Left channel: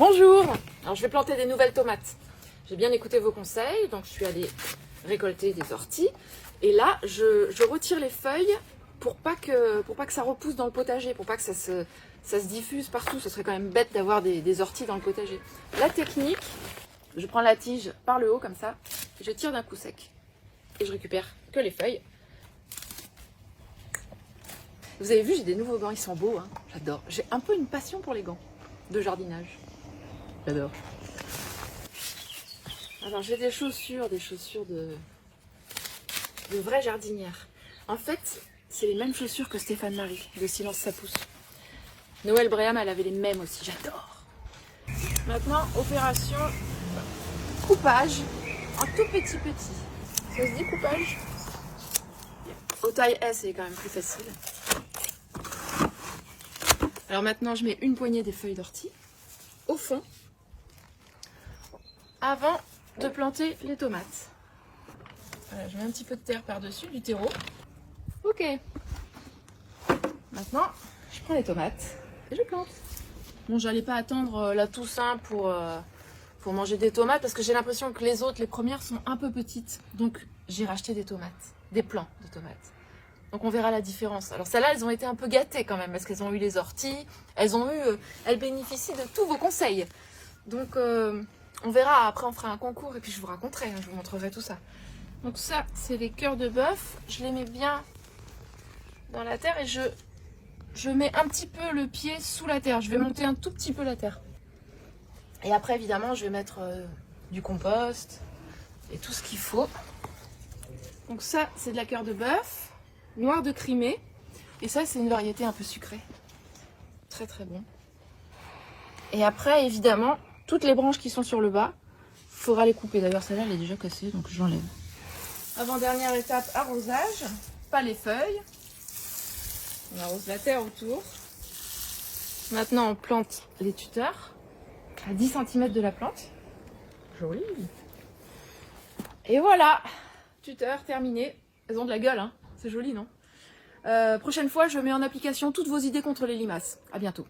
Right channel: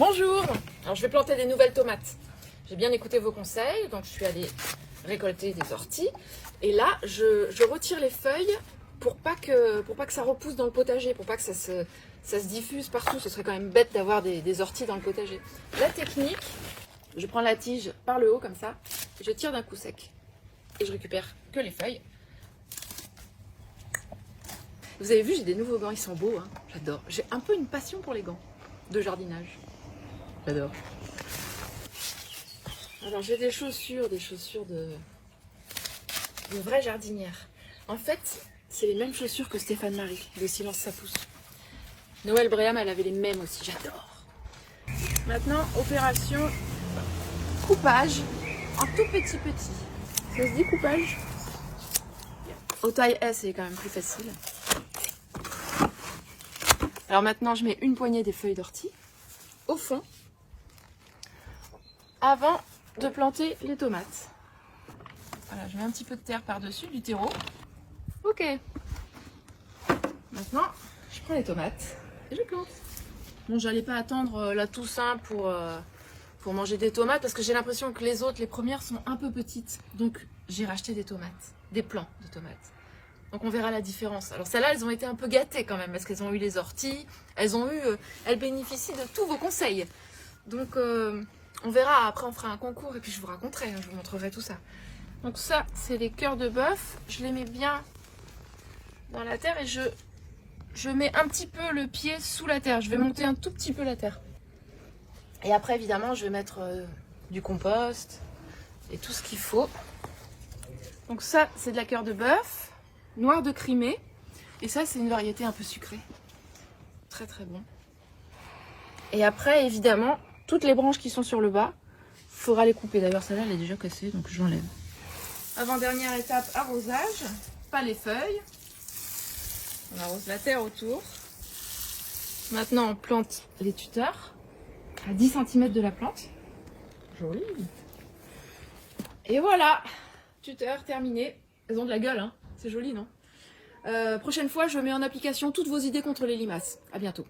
Bonjour. Alors je vais planter des nouvelles tomates. J'ai bien écouté vos conseils, donc je suis allée récolter des orties. Et là, je retire les feuilles pour pas que ça repousse dans le potager, pour pas que ça se diffuse partout. Ce serait quand même bête d'avoir des orties dans le potager. La technique, je prends la tige par le haut comme ça, et je tire d'un coup sec. Et je récupère que les feuilles. Vous avez vu, j'ai des nouveaux gants, ils sont beaux, hein. J'adore. J'ai un peu une passion pour les gants de jardinage. J'adore. Alors j'ai des chaussures de vraie jardinière. En fait, c'est les mêmes chaussures que Stéphane Marie, les Silence ça pousse. Noël Bréham, elle avait les mêmes aussi, j'adore. Maintenant, opération coupage en tout petit. Ça se dit coupage? En taille S, c'est quand même plus facile. Alors maintenant, je mets une poignée des feuilles d'ortie au fond avant de planter les tomates. Voilà, je mets un petit peu de terre par-dessus, du terreau. Ok. Maintenant, je prends les tomates et je plante. Bon, j'allais pas attendre la Toussaint pour manger des tomates parce que j'ai l'impression que les premières sont un peu petites. Donc, j'ai racheté des tomates, des plants de tomates. Donc, on verra la différence. Alors, celles-là, elles ont été un peu gâtées quand même parce qu'elles ont eu les orties. Elles bénéficient de tous vos conseils. Donc, on verra. Après, on fera un concours et puis je vous raconterai. Je vous montrerai tout ça. Donc, ça, c'est les cœurs de bœuf. Je les mets bien dans la terre et je mets un petit peu le pied sous la terre. Je vais monter un tout petit peu la terre. Et après, évidemment, je vais mettre du compost et tout ce qu'il faut. Donc ça, c'est de la cœur de bœuf, noir de Crimée. Et ça, c'est une variété un peu sucrée. Très très bon. Et après, évidemment, toutes les branches qui sont sur le bas, il faudra les couper. D'ailleurs, celle-là, elle est déjà cassée, donc j'enlève. Avant-dernière étape, arrosage. Pas les feuilles. On arrose la terre autour. Maintenant, on plante les tuteurs à 10 cm de la plante. Joli. Et voilà, tuteur terminé. Elles ont de la gueule, hein. C'est joli, non? Prochaine fois, je mets en application toutes vos idées contre les limaces. À bientôt.